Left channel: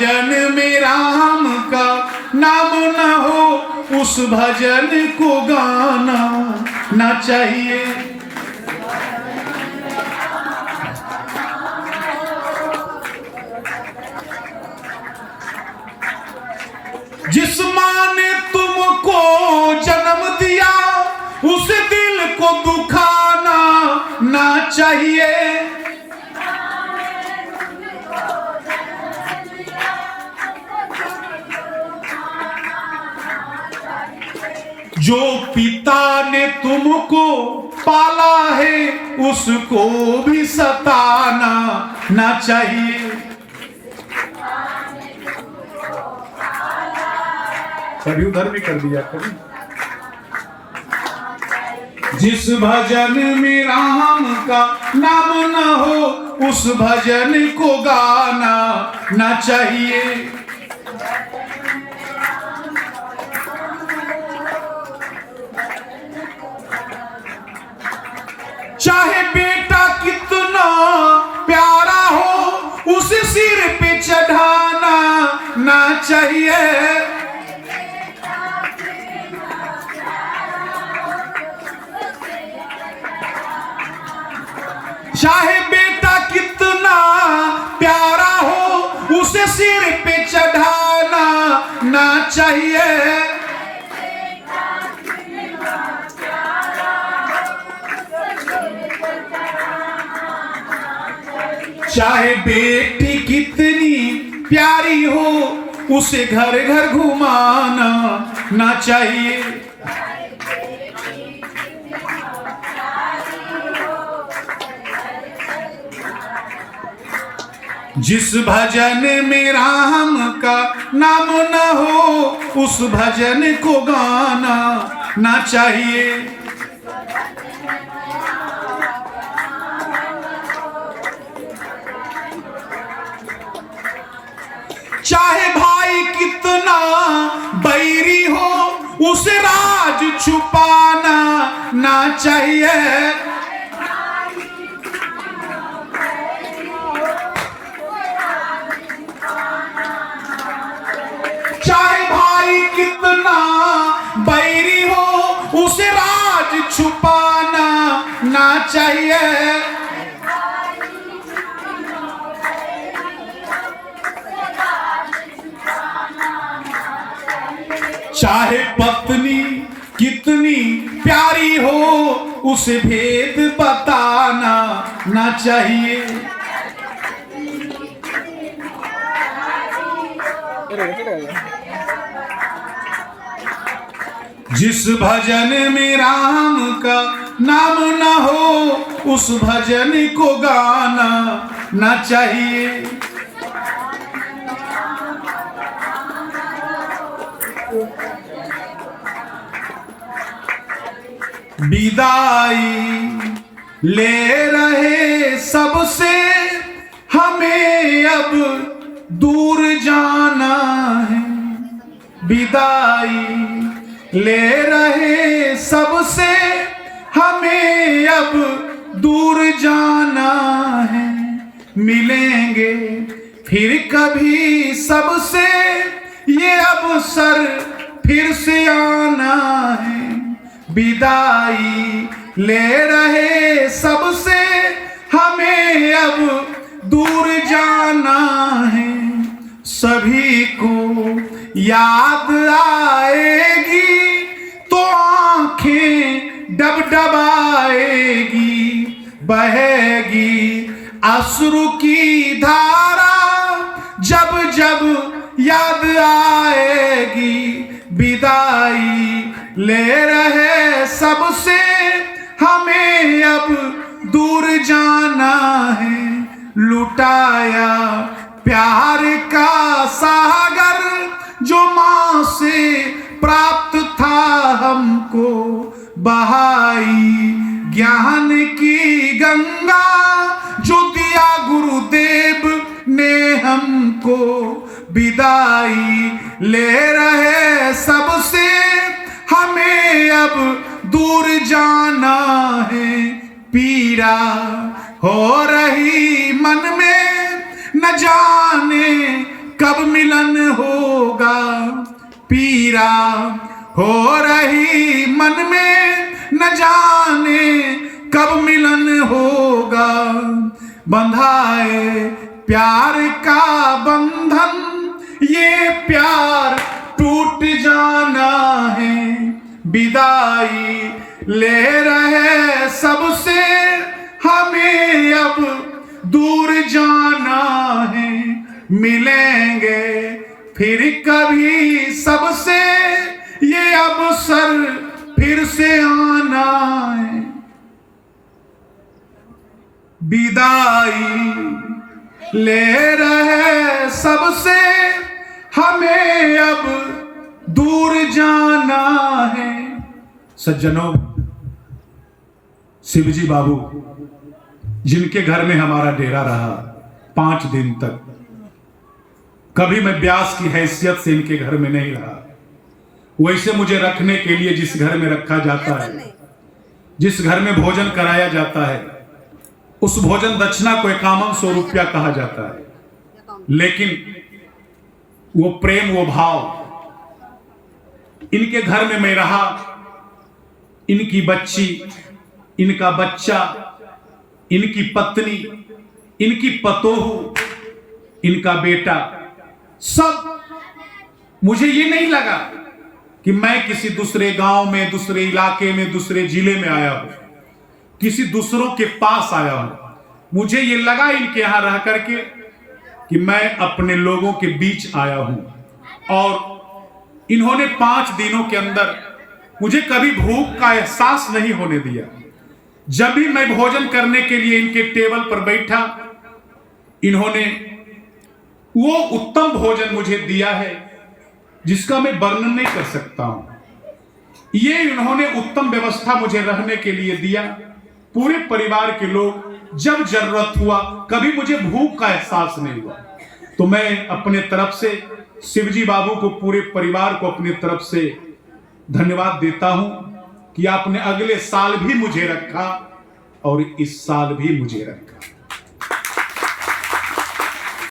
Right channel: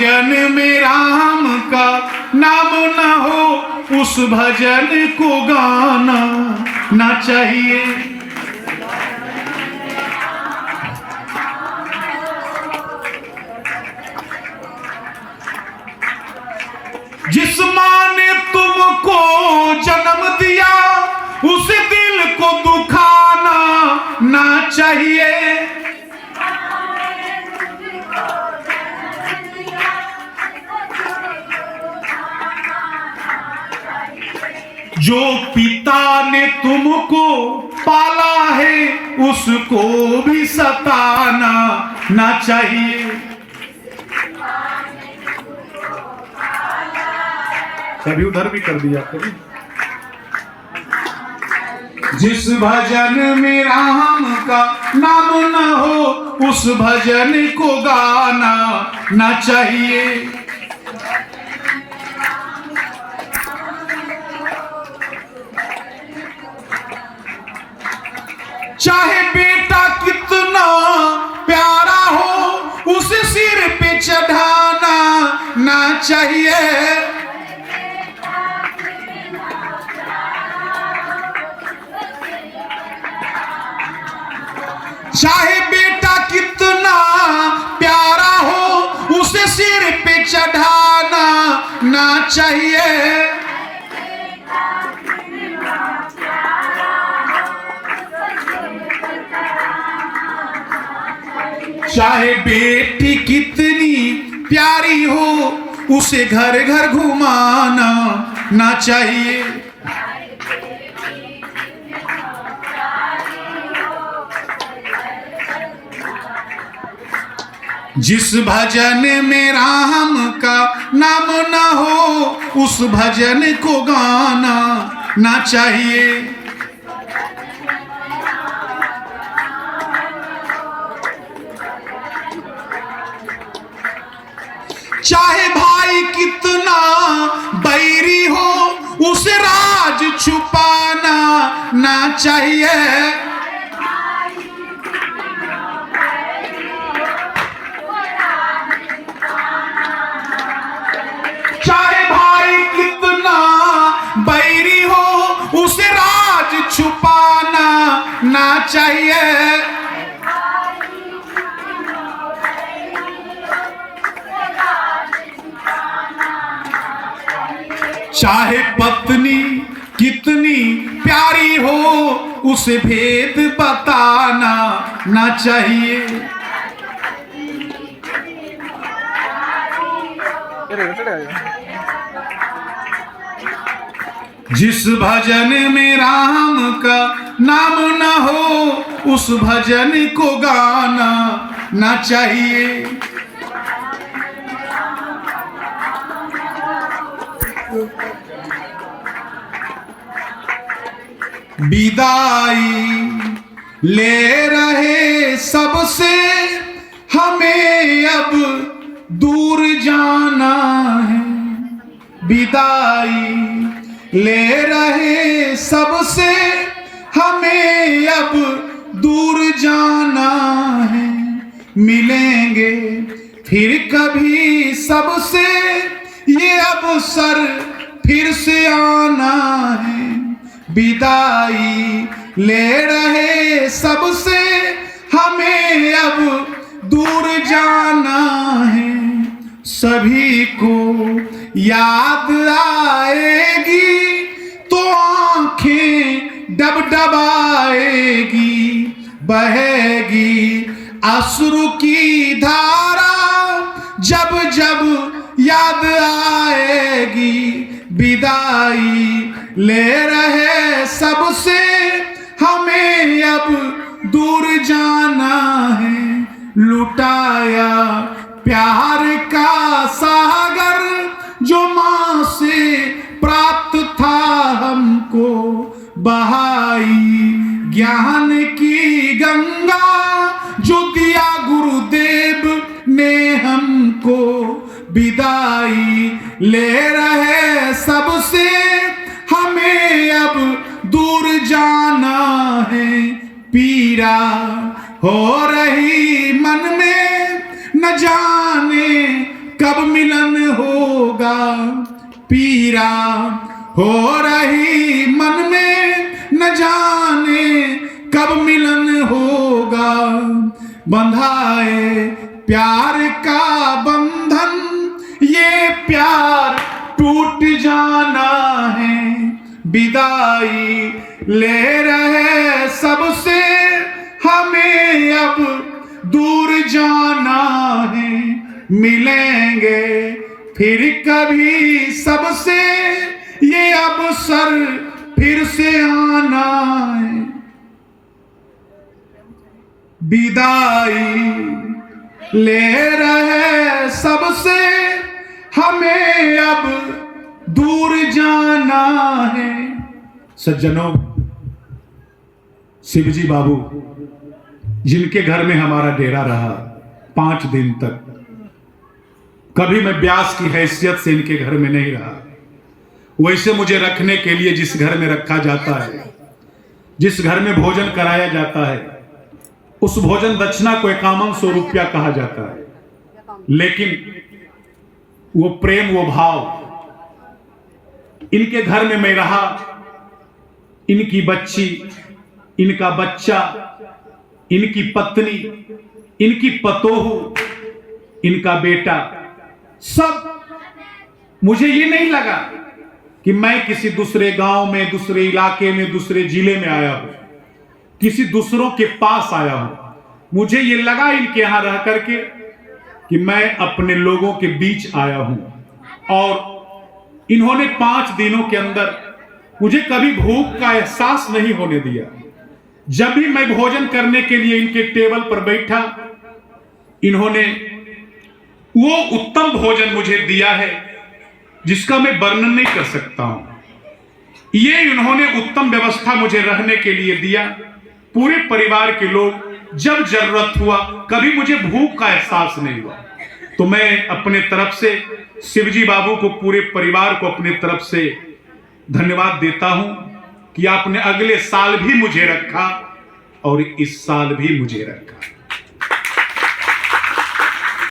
भजन में राम का नाम न हो उस भजन को गाना ना चाहिए। जिस माँ ने तुमको जन्म दिया उस दिल को दुखाना ना चाहिए। जो पिता ने तुमको पाला है उसको भी सताना ना चाहिए। कभी उधर भी कर दिया कभी। जिस भजन में राम का नाम न हो उस भजन को गाना ना चाहिए। चाहे बेटा कितना प्यारा हो उसे सिर पे चढ़ाना ना चाहिए। चाहे बेटा कितना प्यारा हो उसे सिर पे चढ़ाना ना चाहिए। चाहे बेटी कितनी प्यारी हो उसे घर घर घुमाना ना चाहिए। जिस भजन में राम का नाम न हो उस भजन को गाना ना चाहिए। चाहे भाई कितना बैरी हो उसे राज छुपाना ना चाहिए। चाहे भाई कितना बैरी हो उसे राज छुपाना ना चाहिए। चाहे पत्नी कितनी प्यारी हो उसे भेद बताना ना चाहिए। जिस भजन में राम का नाम न हो उस भजन को गाना ना चाहिए। विदाई ले रहे सबसे हमें अब दूर जाना है। विदाई ले रहे सबसे हमें अब दूर जाना है। मिलेंगे फिर कभी सबसे ये अवसर फिर से आना है। विदाई ले रहे सबसे हमें अब दूर जाना है। सभी को याद आएगी तो आंखें डबडबाएगी। बहेगी अश्रु की धारा जब जब याद आएगी। विदाई ले रहे सबसे हमें अब दूर जाना है। लुटाया प्यार का सागर जो माँ से प्राप्त था हमको। बहाई ज्ञान की गंगा जो दिया गुरुदेव ने हमको। विदाई ले रहे सबसे हमें अब दूर जाना है। पीड़ा हो रही मन में न जाने कब मिलन होगा, पीरा हो रही मन में न जाने कब मिलन होगा। बंधाए प्यार का बंधन, ये प्यार टूट जाना है। विदाई ले रहे सबसे, हमें अब दूर जाना है। मिलेंगे फिर कभी सबसे, ये अवसर फिर से आना है। विदाई ले रहे सबसे, हमें अब दूर जाना है। सज्जनों, शिवजी बाबू जिनके घर में हमारा डेरा रहा 5 दिन तक, कभी मैं व्यास की हैसियत से इनके घर में नहीं रहा। वैसे मुझे रखने के लिए जिस घर में रखा जाता है, जिस घर में भोजन कराया जाता है, उस भोजन दक्षिणा को 5100 रुपया कहा जाता है। लेकिन वो प्रेम, वो भाव, इनके घर में मैं रहा। इनकी बच्ची, इनका बच्चा, इनकी पत्नी, इनकी पतोहू, इनका बेटा, सब। मुझे ये नहीं लगा कि मैं किसी दूसरे गांव में, दूसरे इलाके में, दूसरे जिले में आया हूं, किसी दूसरों के पास आया हूं। मुझे ये लगा इनके यहां रह करके कि मैं अपने लोगों के बीच आया हूं। और इन्होंने 5 दिनों के अंदर मुझे कभी भूख का एहसास नहीं होने दिया। जब भी मैं भोजन करने के लिए इनके टेबल पर बैठा, इन्होंने वो उत्तम भोजन मुझे दिया है जिसका मैं वर्णन नहीं कर सकता हूं। ये इन्होंने उत्तम व्यवस्था मुझे रहने के लिए दिया। पूरे परिवार के लोग, जब जरूरत हुआ, कभी मुझे भूख का एहसास नहीं हुआ। तो मैं अपने तरफ से शिवजी बाबू को, पूरे परिवार को अपने तरफ से धन्यवाद देता हूं कि आपने अगले साल भी मुझे रखा और इस साल भी मुझे रखा।